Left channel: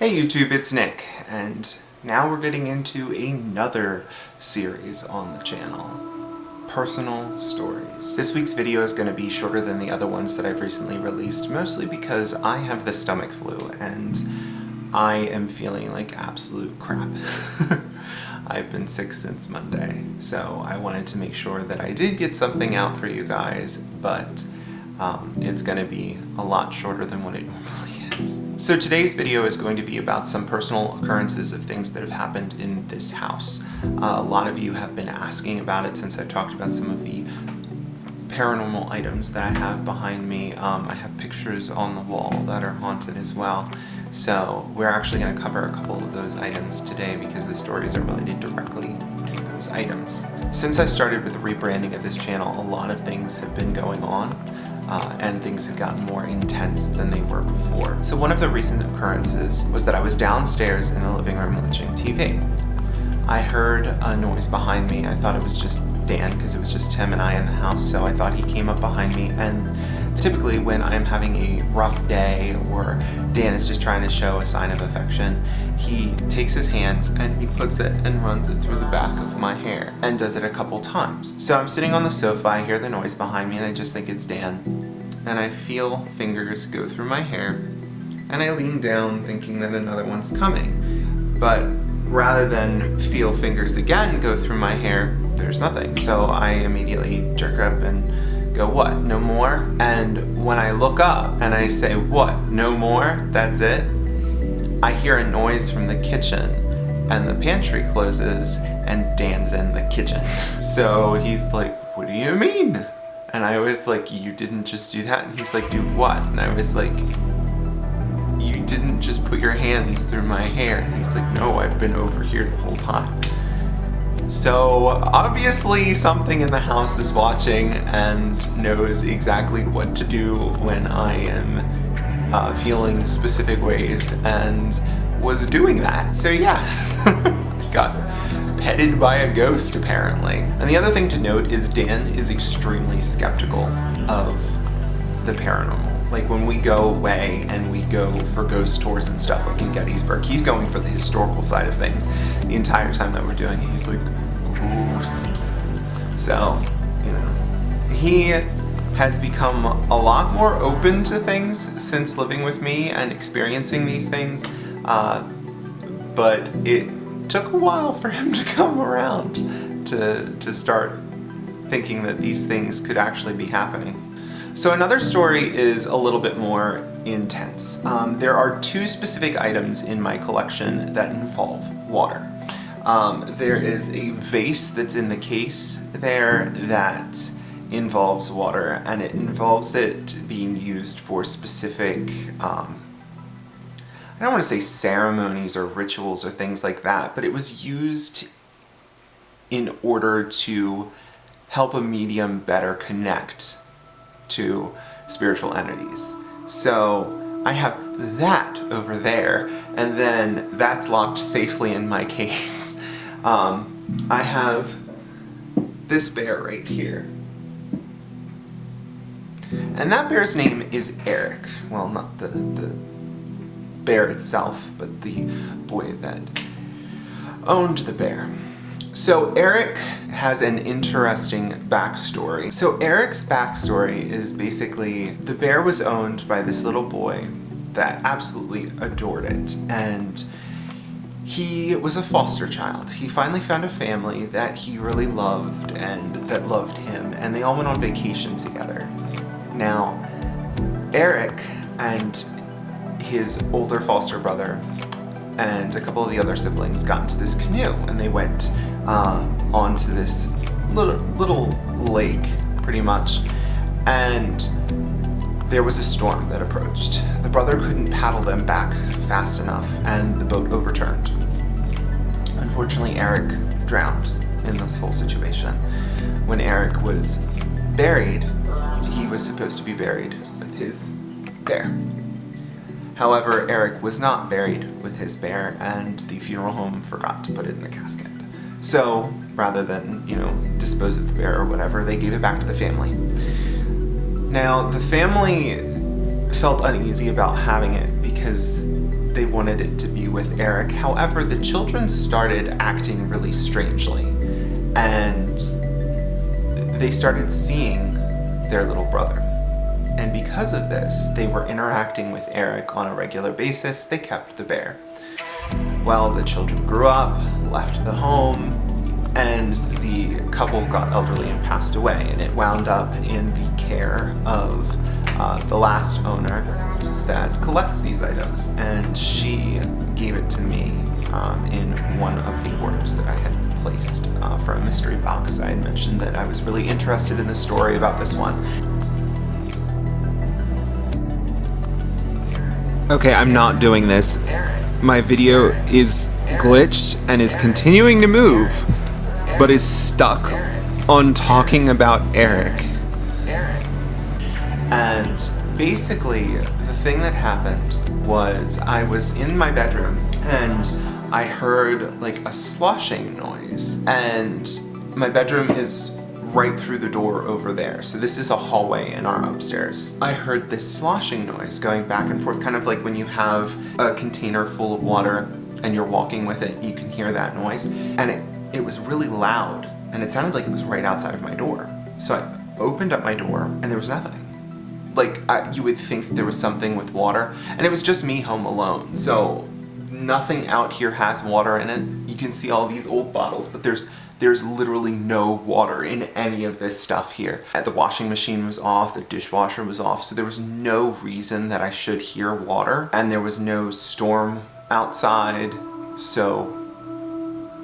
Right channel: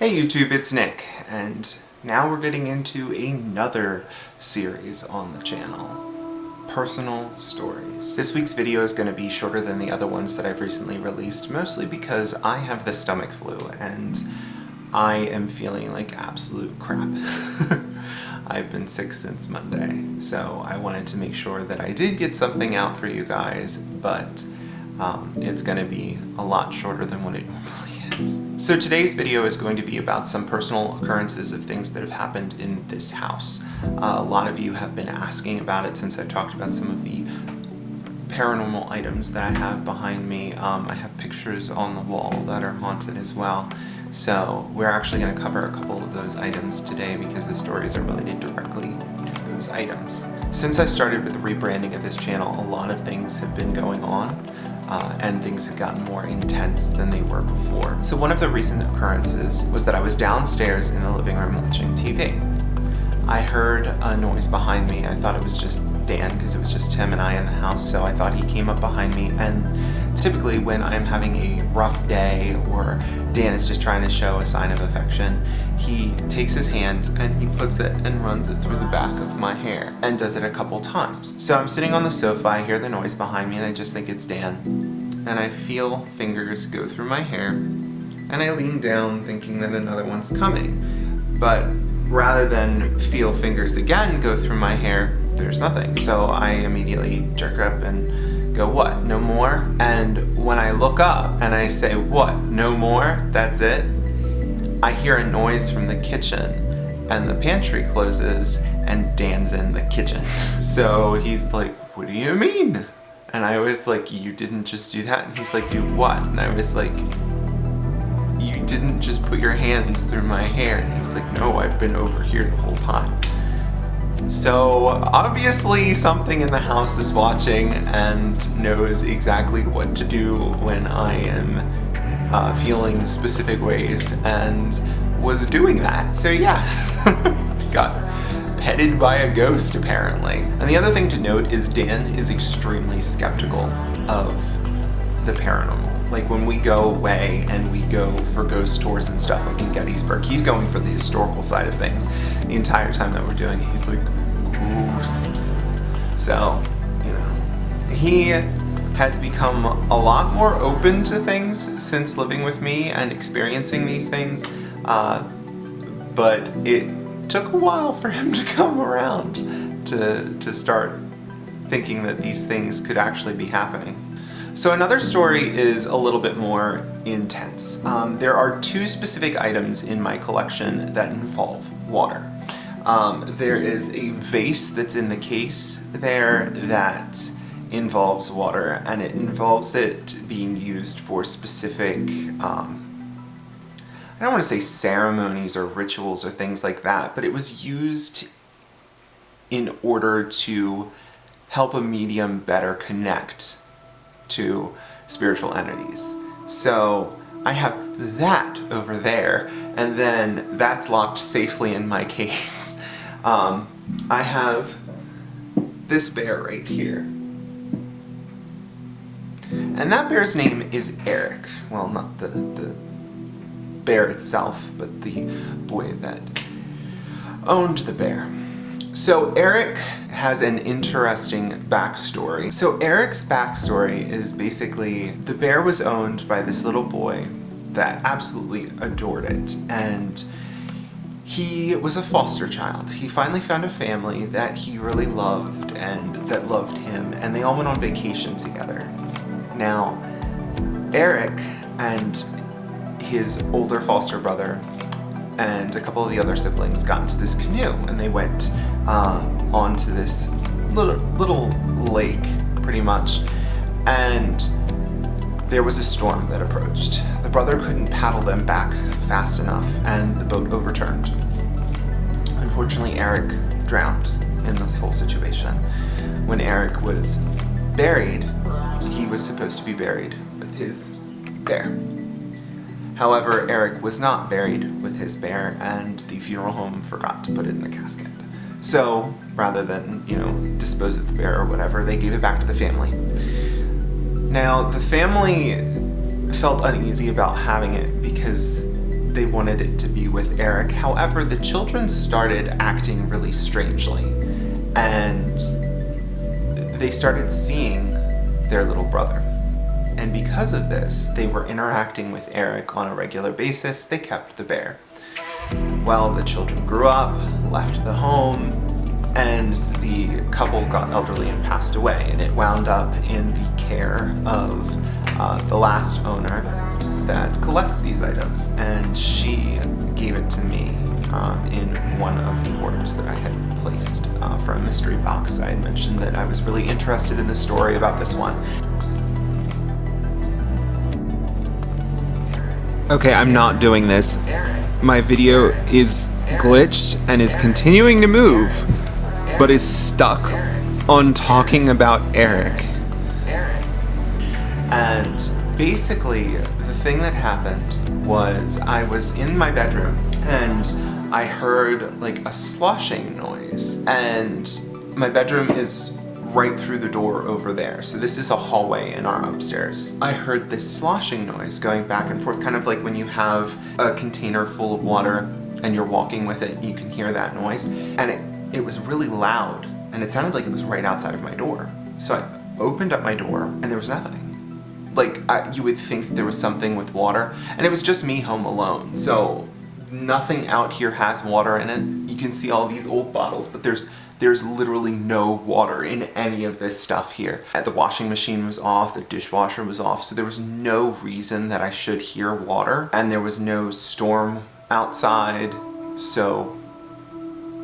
Hey YouTube, it's Nick, and now we're getting into another series on the channel, Personal Stories. This week's video is going to be shorter than the other ones that I've recently released, mostly because I have the stomach flu and I am feeling like absolute crap. I've been sick since Monday, so I wanted to make sure that I did get something out for you guys, but it's going to be a lot shorter than what it normally is. So today's video is going to be about some personal occurrences of things that have happened in this house. A lot of you have been asking about it since I've talked about some of the paranormal items that I have behind me. I have pictures on the wall that are haunted as well. So we're actually going to cover a couple of those items today because the stories are related directly to those items. Since I started with the rebranding of this channel, a lot of things have been going on. And things have gotten more intense than they were before. So one of the recent occurrences was that I was downstairs in the living room watching TV. I heard a noise behind me. I thought it was just Dan because it was just him and I in the house, so I thought he came up behind me. And typically when I'm having a rough day or Dan is just trying to show a sign of affection, he takes his hand and he puts it and runs it through the back of my hair and does it a couple times. So I'm sitting on the sofa, I hear the noise behind me and I just think it's Dan. And I feel fingers go through my hair and I lean down thinking that another one's coming. But rather than feel fingers again go through my hair, there's nothing. So I immediately jerk up and go, what, no more? And when I look up and I say, what, no more? That's it? I hear a noise from the kitchen and the pantry closes and Dan's in the kitchen. So he's like, what do you mean? And I was like, you didn't just do that? And he's like, do what? And I was like, you didn't just put your hands through my hair. And he's like, no, I've been over here the whole time. So obviously something in the house is watching and knows exactly what to do when I am feeling specific ways and was doing that. So yeah, I got petted by a ghost apparently. And the other thing to note is Dan is extremely skeptical of the paranormal. Like when we go away and we go for ghost tours and stuff like in Gettysburg, he's going for the historical side of things. The entire time that we're doing it, he's like, ghosts. So, you know, he has become a lot more open to things since living with me and experiencing these things, but it took a while for him to come around to start thinking that these things could actually be happening. So another story is a little bit more intense. There are two specific items in my collection that involve water. There is a vase that's in the case there that involves water, and it involves it being used for specific, I don't want to say ceremonies or rituals or things like that, but it was used in order to help a medium better connect to spiritual entities. So I have that over there, and then that's locked safely in my case. I have this bear right here. And that bear's name is Eric. Well, not the bear itself, but the boy that owned the bear. So Eric has an interesting backstory. So Eric's backstory is basically the bear was owned by this little boy that absolutely adored it, and he was a foster child. He finally found a family that he really loved and that loved him, and they all went on vacation together. Now, Eric and his older foster brother and a couple of the other siblings got into this canoe and they went onto this little lake, pretty much, and there was a storm that approached. The brother couldn't paddle them back fast enough and the boat overturned. Unfortunately, Eric drowned in this whole situation. When Eric was buried, he was supposed to be buried with his bear. However, Eric was not buried with his bear, and the funeral home forgot to put it in the casket. So, rather than, dispose of the bear or whatever, they gave it back to the family. Now, the family felt uneasy about having it because they wanted it to be with Eric. However, the children started acting really strangely, and they started seeing their little brother. And because of this, they were interacting with Eric on a regular basis. They kept the bear. Well, the children grew up, left the home, and the couple got elderly and passed away, and it wound up in the care of the last owner that collects these items, and she gave it to me in one of the orders that I had placed for a mystery box. I had mentioned that I was really interested in the story about this one. Okay, I'm not doing this. My video is glitched and is continuing to move, but is stuck on talking about Eric. And basically, the thing that happened was I was in my bedroom and I heard like a sloshing noise, and my bedroom is right through the door over there. So this is a hallway in our upstairs. I heard this sloshing noise going back and forth, kind of like when you have a container full of water and you're walking with it, you can hear that noise. And it was really loud, and it sounded like it was right outside of my door. So I opened up my door and there was nothing. Like, you would think there was something with water, and it was just me home alone. So nothing out here has water in it. You can see all these old bottles, but there's literally no water in any of this stuff here. The washing machine was off, the dishwasher was off, so there was no reason that I should hear water, and there was no storm outside, so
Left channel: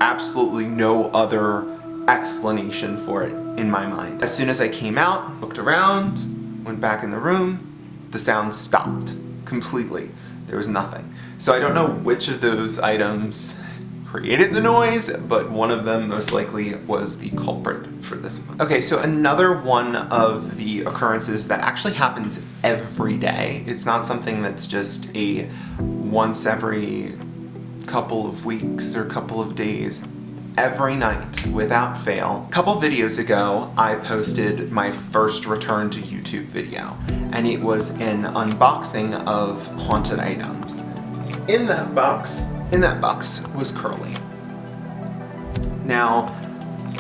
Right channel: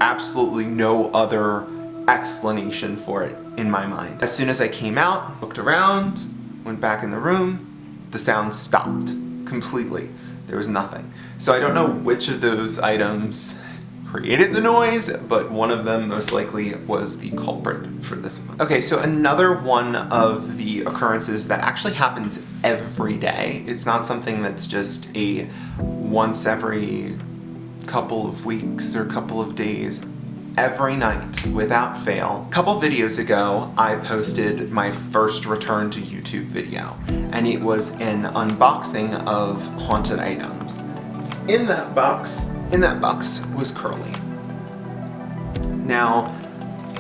absolutely no other explanation for it in my mind. As soon as I came out, looked around, went back in the room, the sound stopped completely. There was nothing. So I don't know which of those items created the noise, but one of them most likely was the culprit for this one. Okay, so another one of the occurrences that actually happens every day. It's not something that's just a once every couple of weeks or couple of days. Every night, without fail. A couple videos ago, I posted my first return to YouTube video, and it was an unboxing of haunted items. In that box was Curly. Now,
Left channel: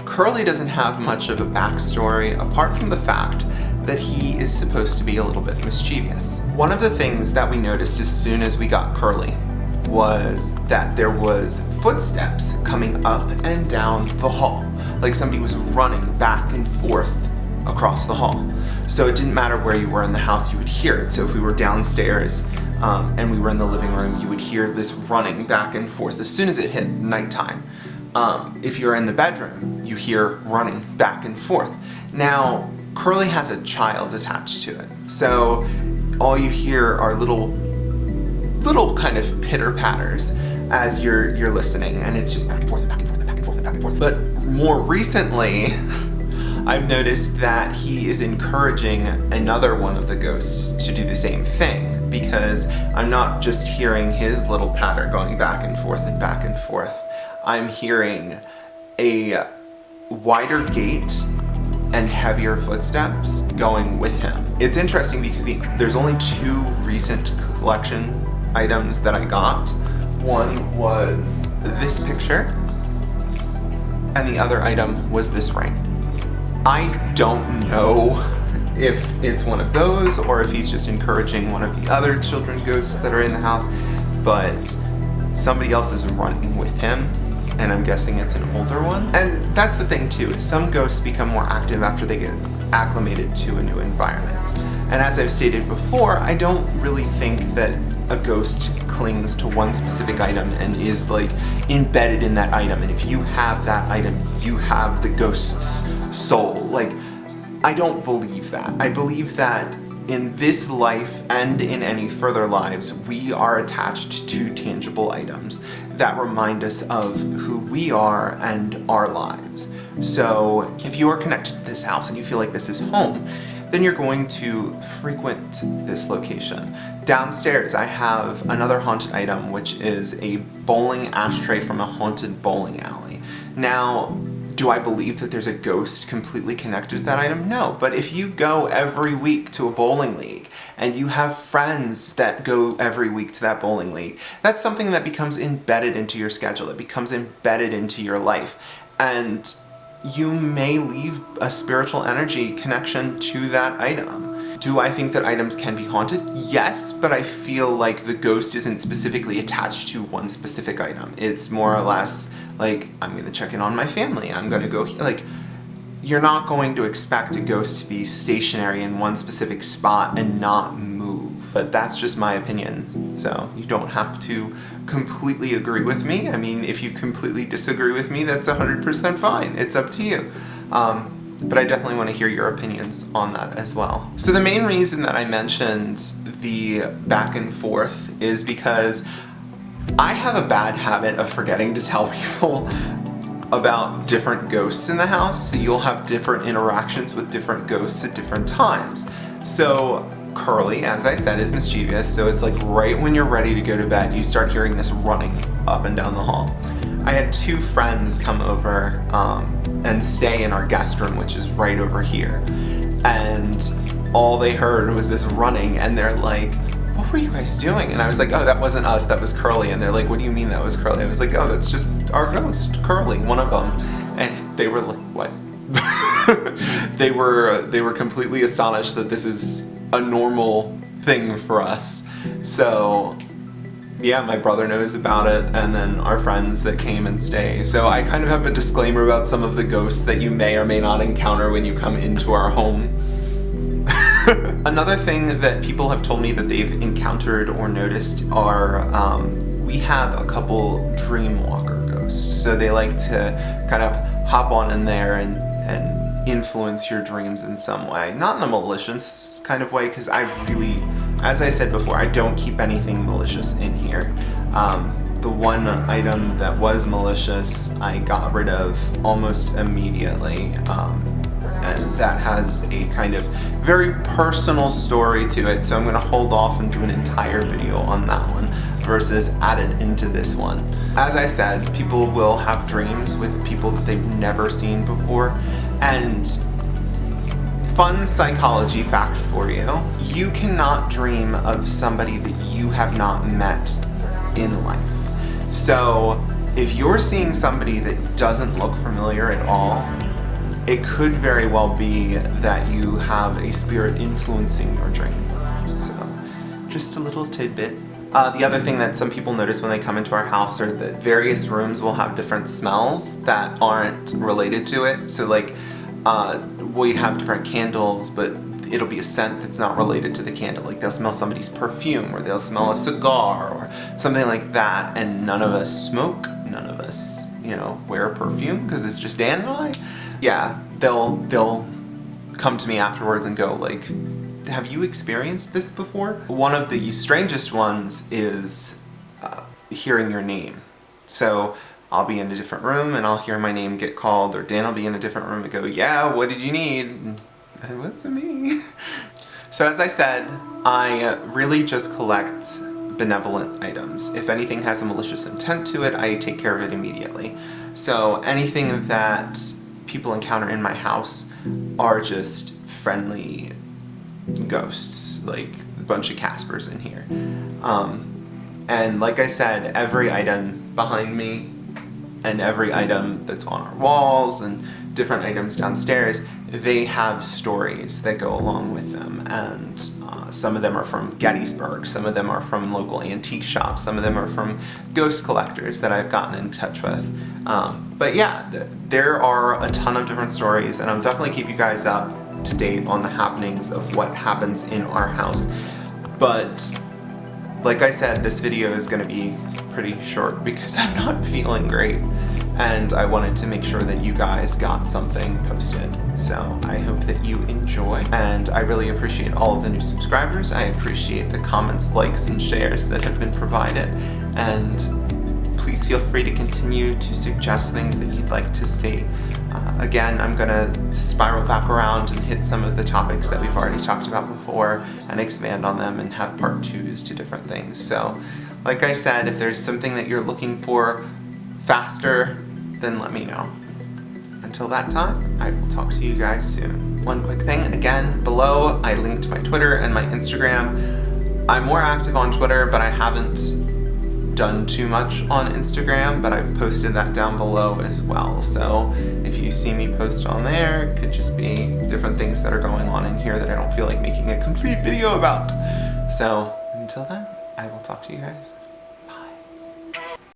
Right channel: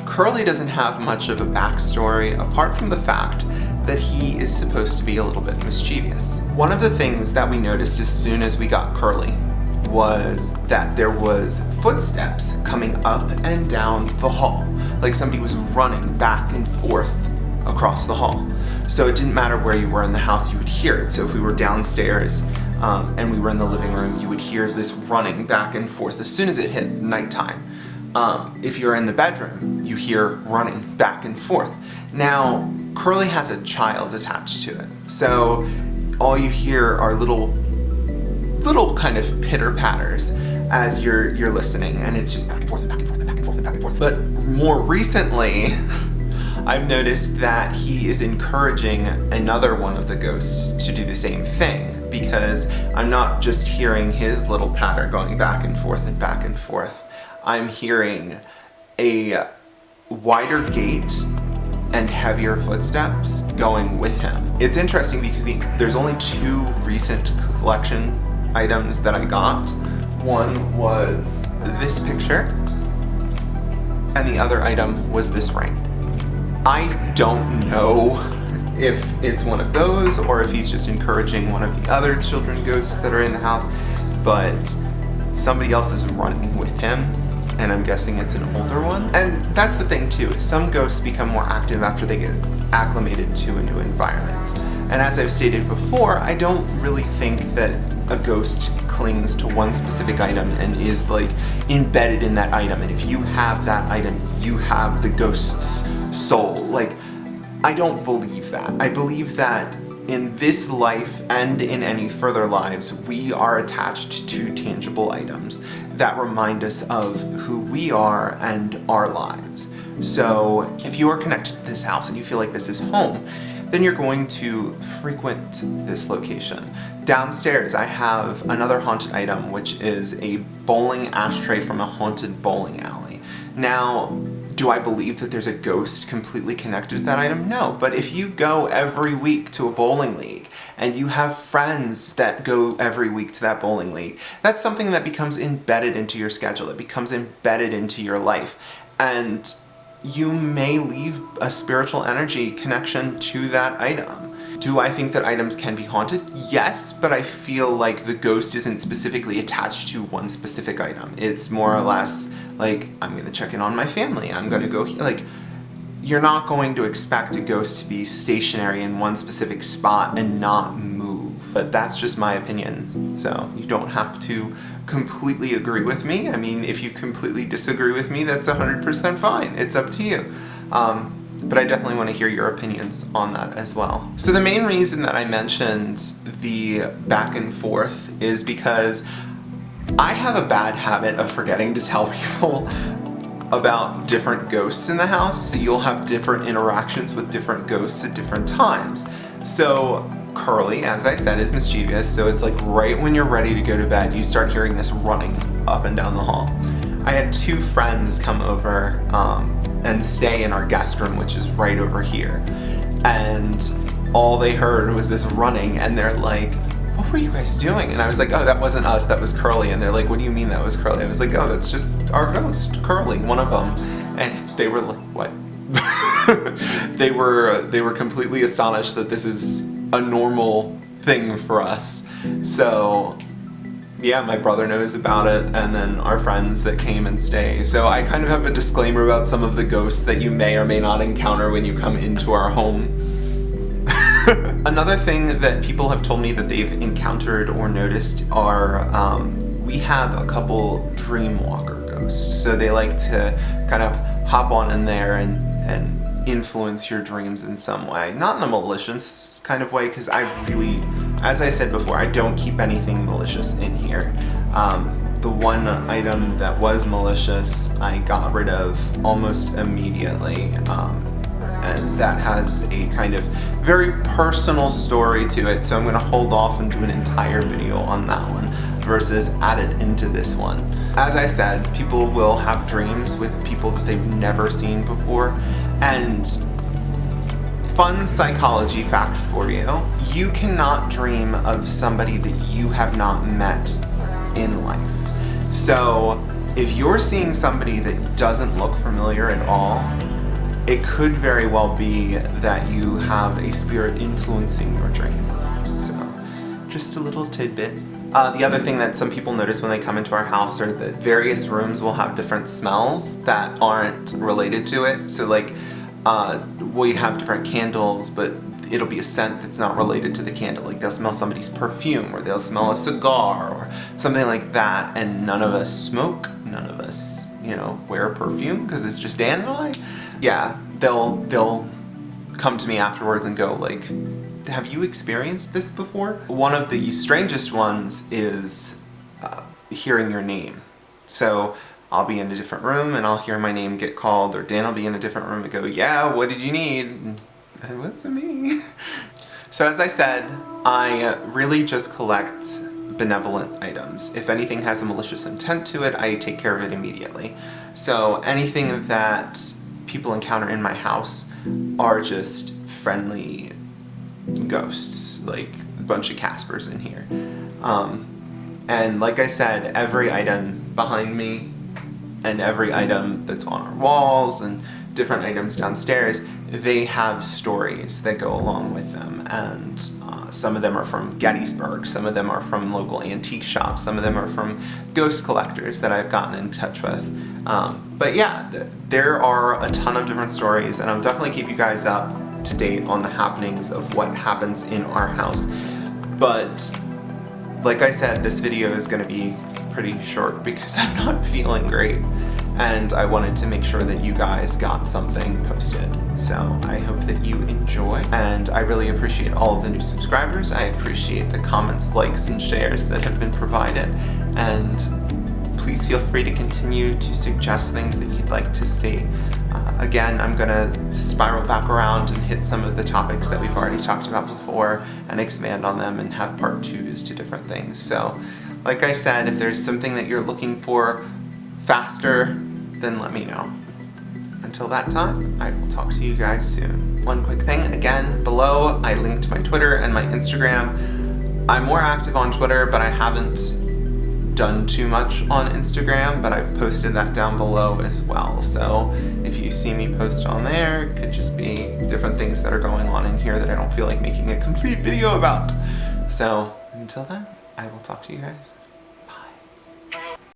Curly doesn't have much of a backstory apart from the fact that he is supposed to be a little bit mischievous. One of the things that we noticed as soon as we got Curly was that there was footsteps coming up and down the hall, like somebody was running back and forth across the hall. So it didn't matter where you were in the house, you would hear it. So if we were downstairs and we were in the living room, you would hear this running back and forth as soon as it hit nighttime. If you're in the bedroom, you hear running back and forth. Now, Curly has a child attached to it, so all you hear are little kind of pitter-patters as you're listening, and it's just back and forth and back and forth and back and forth and back and forth. But more recently, I've noticed that he is encouraging another one of the ghosts to do the same thing, because I'm not just hearing his little patter going back and forth and back and forth. I'm hearing a wider gait and heavier footsteps going with him. It's interesting because there's only two recent collection items that I got. One was this picture, and the other item was this ring. I don't know if it's one of those or if he's just encouraging one of the other children ghosts that are in the house, but somebody else is running with him, and I'm guessing it's an older one. And that's the thing too, is some ghosts become more active after they get acclimated to a new environment. And as I've stated before, I don't really think that a ghost clings to one specific item and is like embedded in that item, and if you have that item, you have the ghost's soul. Like, I don't believe that. I believe that in this life and in any further lives, we are attached to tangible items that remind us of who we are and our lives. So if you are connected to this house and you feel like this is home, then you're going to frequent this location. Downstairs, I have another haunted item, which is a bowling ashtray from a haunted bowling alley. Now, Do I believe that there's a ghost completely connected to that item? No, but if you go every week to a bowling league and you have friends that go every week to that bowling league, that's something that becomes embedded into your schedule. It becomes embedded into your life. And you may leave a spiritual energy connection to that item. Do I think that items can be haunted? Yes, but I feel like the ghost isn't specifically attached to one specific item. It's more or less like, I'm gonna check in on my family, I'm gonna go, like, you're not going to expect a ghost to be stationary in one specific spot and not move. But that's just my opinion, so you don't have to completely agree with me. I mean, if you completely disagree with me, that's 100% fine. It's up to you. But I definitely want to hear your opinions on that as well. So the main reason that I mentioned the back and forth is because I have a bad habit of forgetting to tell people about different ghosts in the house, so you'll have different interactions with different ghosts at different times. So Curly, as I said, is mischievous, so it's like right when you're ready to go to bed, you start hearing this running up and down the hall. I had 2 friends come over and stay in our guest room, which is right over here. And all they heard was this running, and they're like, what were you guys doing? And I was like, oh, that wasn't us, that was Curly. And they're like, what do you mean that was Curly? I was like, oh, that's just our ghost, Curly, one of them. And they were like, what? They were completely astonished that this is a normal thing for us. So yeah, my brother knows about it, and then our friends that came and stay. So I kind of have a disclaimer about some of the ghosts that you may or may not encounter when you come into our home. Another thing that people have told me that they've encountered or noticed are, we have a couple dreamwalker ghosts. So they like to kind of hop on in there and influence your dreams in some way. Not in a malicious kind of way, because I really, as I said before, I don't keep anything malicious in here. The one item that was malicious, I got rid of almost immediately. And that has a kind of very personal story to it, so I'm going to hold off and do an entire video on that one versus add it into this one. As I said, people will have dreams with people that they've never seen before, and fun psychology fact for you, you cannot dream of somebody that you have not met in life. So if you're seeing somebody that doesn't look familiar at all, it could very well be that you have a spirit influencing your dream. So, just a little tidbit. The other thing that some people notice when they come into our house are that various rooms will have different smells that aren't related to it. So like, we have different candles, but it'll be a scent that's not related to the candle. Like they'll smell somebody's perfume, or they'll smell a cigar, or something like that, and none of us smoke, none of us, wear perfume, because it's just Dan and I. Yeah, they'll come to me afterwards and go like, have you experienced this before? One of the strangest ones is hearing your name. So I'll be in a different room and I'll hear my name get called, or Dan will be in a different room and go, yeah, what did you need? And what's it me? So as I said, I really just collect benevolent items. If anything has a malicious intent to it, I take care of it immediately. So anything that people encounter in my house are just friendly ghosts, like a bunch of Caspers in here. And like I said, every item behind me and every item that's on our walls and different items downstairs, they have stories that go along with them. And some of them are from Gettysburg, some of them are from local antique shops, some of them are from ghost collectors that I've gotten in touch with. But yeah, there are a ton of different stories, and I'll definitely keep you guys up to date on the happenings of what happens in our house. But like I said, this video is going to be pretty short because I'm not feeling great, and I wanted to make sure that you guys got something posted. So I hope that you enjoy, and I really appreciate all of the new subscribers. I appreciate the comments, likes, and shares that have been provided, and please feel free to continue to suggest things that you'd like to see. Again, I'm gonna spiral back around and hit some of the topics that we've already talked about before and expand on them and have part 2s to different things. So, like I said, if there's something that you're looking for faster, then let me know. until that time, I will talk to you guys soon. One quick thing, again, below I linked my Twitter and my Instagram. I'm more active on Twitter, but I haven't done too much on Instagram, but I've posted that down below as well. So if you see me post on there, it could just be different things that are going on in here that I don't feel like making a complete video about. So until then, I will talk to you guys